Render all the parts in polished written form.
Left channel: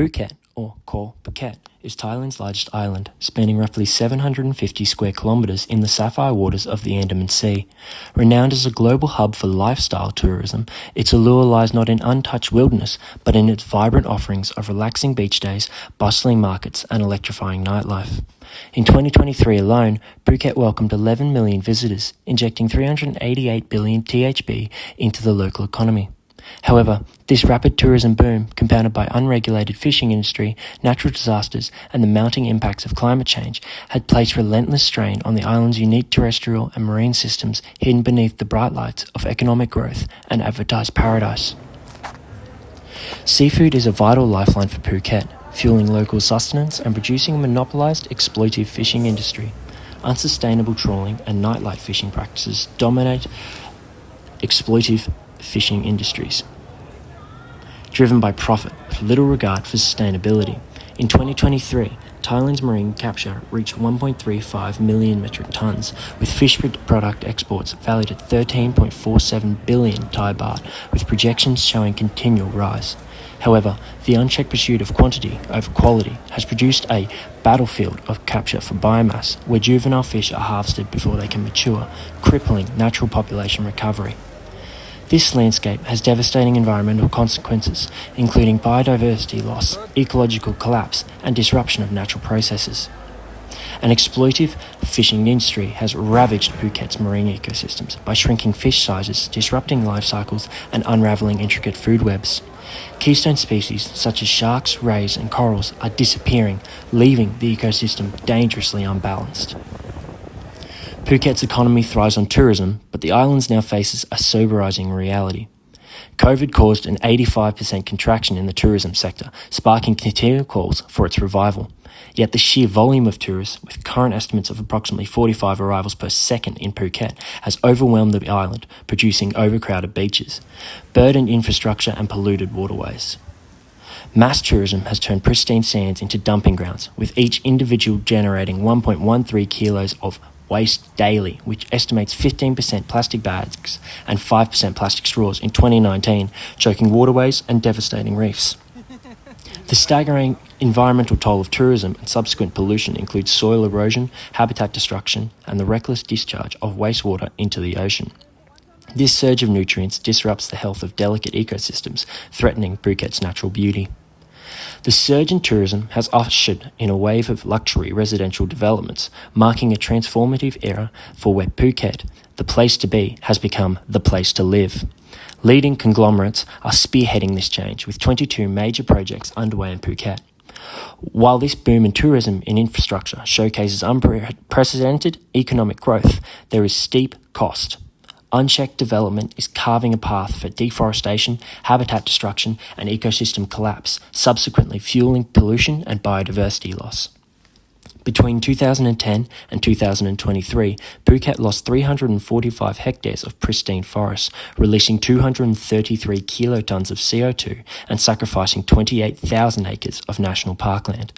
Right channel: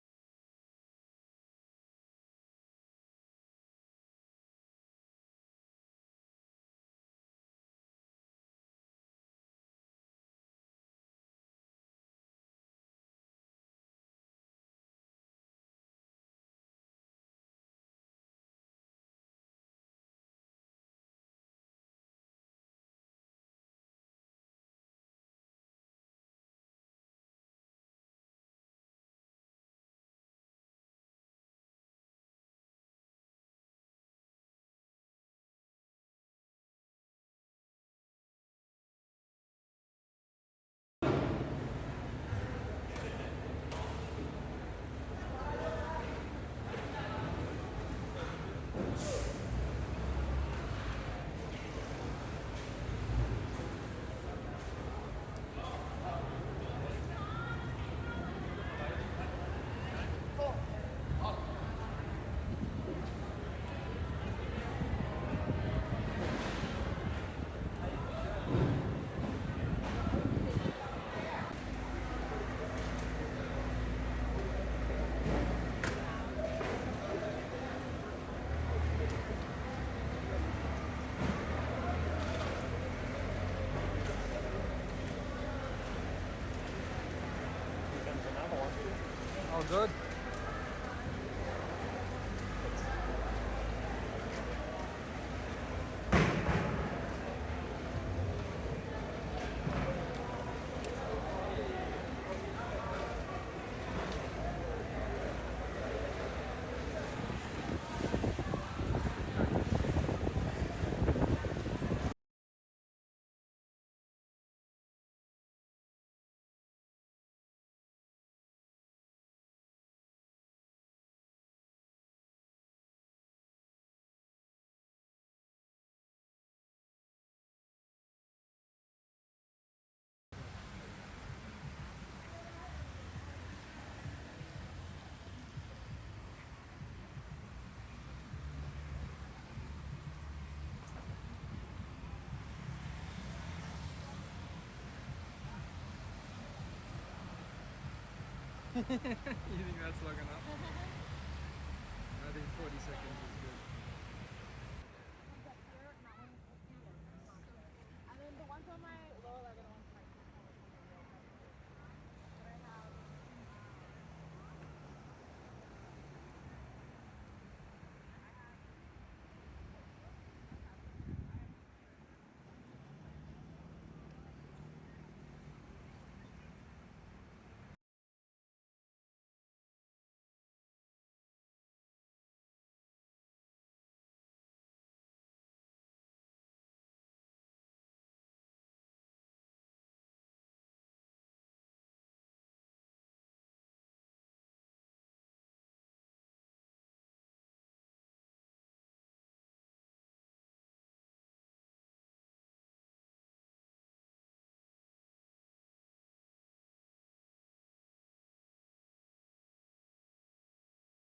Phuket, or Koh Phuket, is Thailand's largest island, spanning roughly 750 square kilometres in the sapphire waters of the Andaman Sea. Renowned as a global hub for lifestyle tourism, its allure lies not in untouched wilderness, but in its vibrant offerings of relaxing beach days, bustling markets and electrifying nightlife. In 2023 alone, Phuket welcomed 11 million visitors, injecting 388 billion THB into the local economy. However, this rapid tourism boom, compounded by unregulated fishing industry, natural disasters, and the mounting impacts of climate change, had placed relentless strain on the island's unique terrestrial and marine systems hidden beneath the bright lights of economic growth and advertised paradise. Seafood is a vital lifeline for Phuket, fueling local sustenance and producing a monopolised exploitive fishing industry. Unsustainable trawling and nightlife fishing practices dominate exploitive fishing industries, driven by profit with little regard for sustainability. In 2023, Thailand's marine capture reached 1.35 million metric tonnes, with fish product exports valued at 13.47 billion Thai baht, with projections showing continual rise. However, the unchecked pursuit of quantity over quality has produced a battlefield of capture for biomass, where juvenile fish are harvested before they can mature, crippling natural population recovery. This landscape has devastating environmental consequences, including biodiversity loss, ecological collapse, and disruption of natural processes. An exploitive fishing industry has ravaged Phuket's marine ecosystems by shrinking fish sizes, disrupting life cycles, and unravelling intricate food webs. Keystone species such as sharks, rays, and corals are disappearing, leaving the ecosystem dangerously unbalanced. Phuket's economy thrives on tourism, but the island now faces a sobering reality. COVID caused an 85% contraction in the tourism sector, sparking continual calls for its revival. Yet the sheer volume of tourists, with current estimates of approximately 45 arrivals per second in Phuket, has overwhelmed the island, producing overcrowded beaches, burdened infrastructure and polluted waterways. Mass tourism has turned pristine sands into dumping grounds, with each individual generating 1.13 kilos of waste daily, which estimates 15% plastic bags and 5% plastic straws in 2019, choking waterways and devastating reefs. The staggering environmental toll of tourism and subsequent pollution includes soil erosion, habitat destruction, and the reckless discharge of wastewater into the ocean. This surge of nutrients disrupts the health of delicate ecosystems, threatening Phuket's natural beauty. The surge in tourism has ushered in a wave of luxury residential developments, marking a transformative era for where Phuket, the place to be, has become the place to live. Leading conglomerates are spearheading this change, with 22 major projects underway in Phuket. While this boom in tourism and infrastructure showcases unprecedented economic growth, there is steep cost. Unchecked development is carving a path for deforestation, habitat destruction, and ecosystem collapse, subsequently fueling pollution and biodiversity loss. Between 2010 and 2023, Phuket lost 345 hectares of pristine forests, releasing 233 kilotons of CO2 and sacrificing 28,000 acres of national parkland.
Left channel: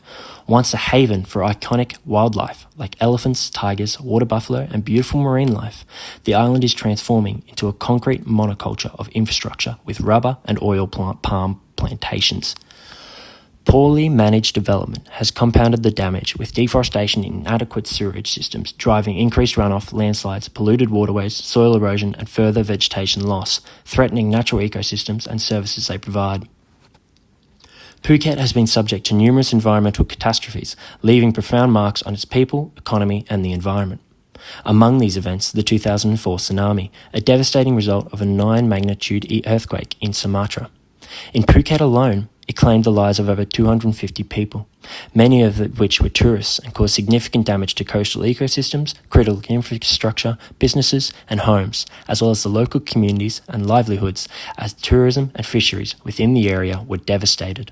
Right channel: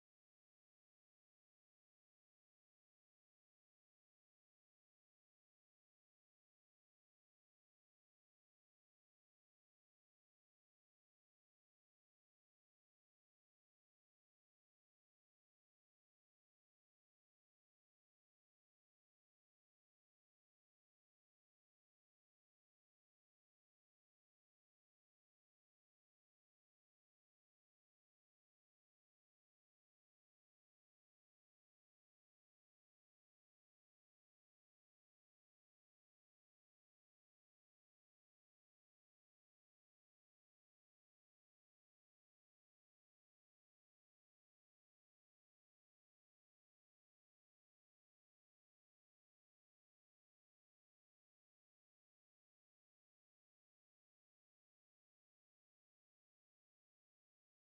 Once a haven for iconic wildlife like elephants, tigers, water buffalo, and beautiful marine life, the island is transforming into a concrete monoculture of infrastructure with rubber and oil palm plantations. Poorly managed development has compounded the damage, with deforestation and inadequate sewerage systems driving increased runoff, landslides, polluted waterways, soil erosion, and further vegetation loss, threatening natural ecosystems and services they provide. Phuket has been subject to numerous environmental catastrophes, leaving profound marks on its people, economy, and the environment. Among these events, the 2004 tsunami, a devastating result of a 9-magnitude earthquake in Sumatra. In Phuket alone, it claimed the lives of over 250 people, many of which were tourists, and caused significant damage to coastal ecosystems, critical infrastructure, businesses, and homes, as well as the local communities and livelihoods, as tourism and fisheries within the area were devastated.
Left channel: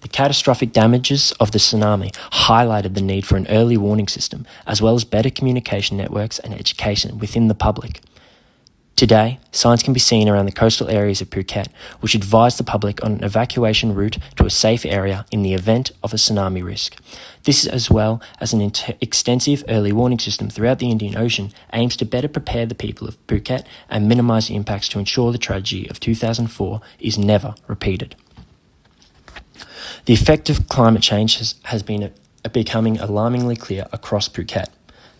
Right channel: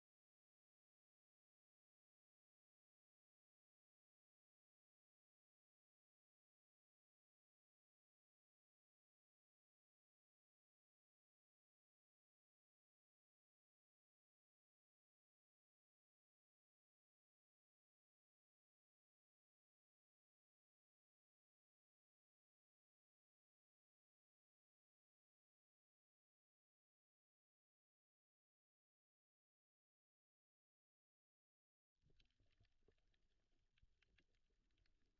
The catastrophic damages of the tsunami highlighted the need for an early warning system, as well as better communication networks and education within the public. Today, signs can be seen around the coastal areas of Phuket, which advise the public on an evacuation route to a safe area in the event of a tsunami risk. This, as well as an extensive early warning system throughout the Indian Ocean, aims to better prepare the people of Phuket and minimise the impacts to ensure the tragedy of 2004 is never repeated. The effect of climate change has been becoming alarmingly clear across Phuket.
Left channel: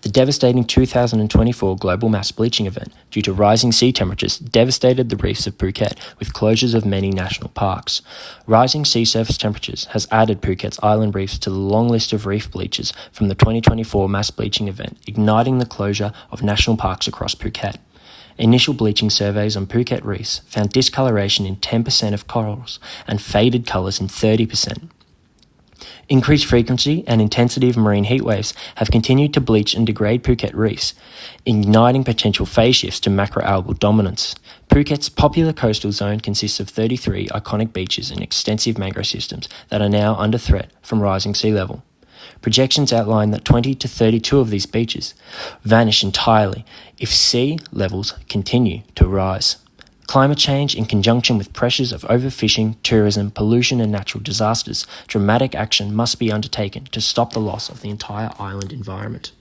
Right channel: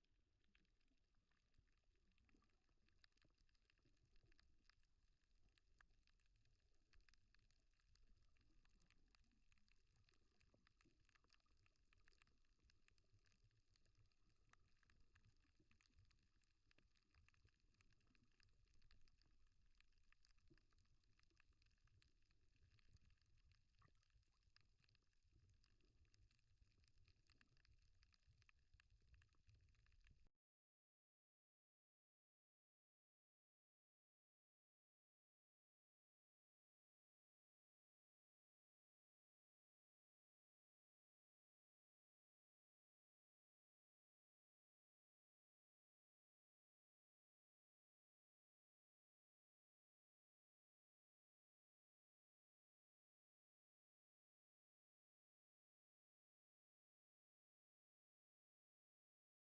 The devastating 2024 global mass bleaching event due to rising sea temperatures devastated the reefs of Phuket with closures of many national parks. Rising sea surface temperatures has added Phuket's island reefs to the long list of reef bleachers from the 2024 mass bleaching event, igniting the closure of national parks across Phuket. Initial bleaching surveys on Phuket reefs found discoloration in 10% of corals and faded colours in 30%. Increased frequency and intensity of marine heat waves have continued to bleach and degrade Phuket reefs, igniting potential phase shifts to macroalgal dominance. Phuket's popular coastal zone consists of 33 iconic beaches and extensive mangrove systems that are now under threat from rising sea level. Projections outline that 20 to 32 of these beaches vanish entirely if sea levels continue to rise. Climate change, in conjunction with pressures of overfishing, tourism, pollution and natural disasters, dramatic action must be undertaken to stop the loss of the entire island environment.